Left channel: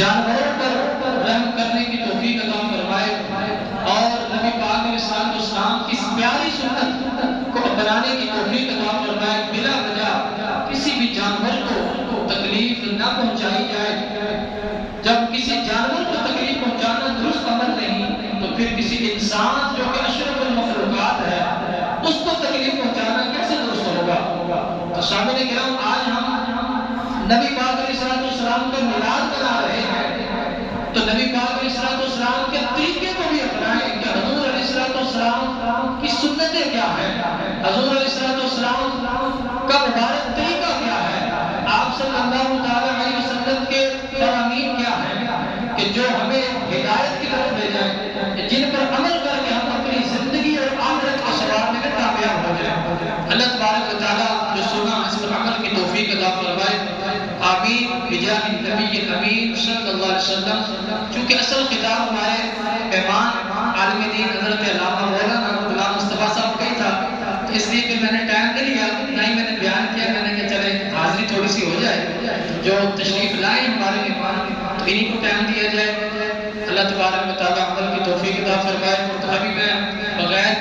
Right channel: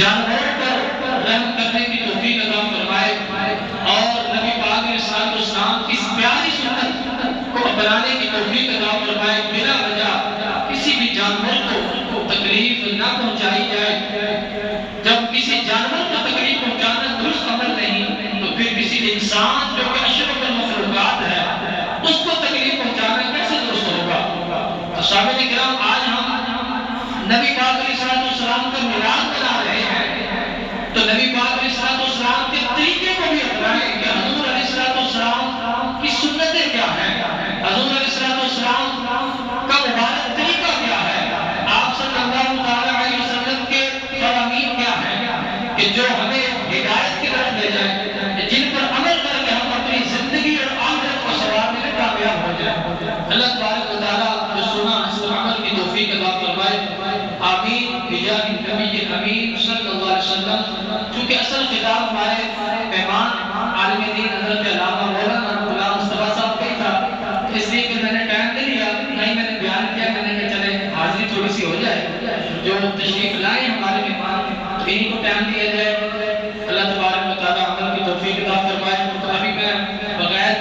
جانوروں پر رحم کرنے کی توفیق عطا فرمائے اور نبی پاک علیہ السلام کی اس پیاری سنت کو بنانے کی توفیق عطا فرمائے۔ بلا وجہ کسی بھی جانور کو تکلیف نہ پہنچائی جائے۔ جب کسی جانور کو تکلیف پہنچانا درست عمل نہیں تو پھر کسی انسان جو کہ اشرف المخلوقات ہے اس کو تکلیف پہنچانا کیسے درست ہوگا؟ تو سامعین کرام، آج ہم نبی پاک علیہ السلام کا میلاد منا رہے ہیں تو نبی پاک علیہ السلام کے طریقے کو بھی اپنائیں کہ حضور علیہ السلام کی سنتیں کیا ہیں، حضور علیہ السلام کا مبارک طریقہ کیا ہے، آپ صلی اللہ علیہ وسلم کے فرامین کیا ہیں کہ جو ہمیں ہدایت کی طرف لے جائیں، جن پر عمل کر کے ہم اپنی زندگی اور آخرت کو سنوارنے میں کامیاب ہو جائیں۔ اللہ تبارک و تعالیٰ جو سنا اس پر عمل کی توفیق عطا فرمائے، آمین بجاہ نبی امین صلی اللہ علیہ وسلم۔ چونکہ اصل خطاب ہمارے مہمان عالم دین حضرت علامہ مولانا غلام مصطفیٰ صاحب کا ہی تھا، اس لیے پھر میں نے ٹائم نہیں لیا، نہ ہی میں نے بیان کیا، میں نے کہا چلے حاضری تھوڑی سی ہو جائے۔ جو تشریف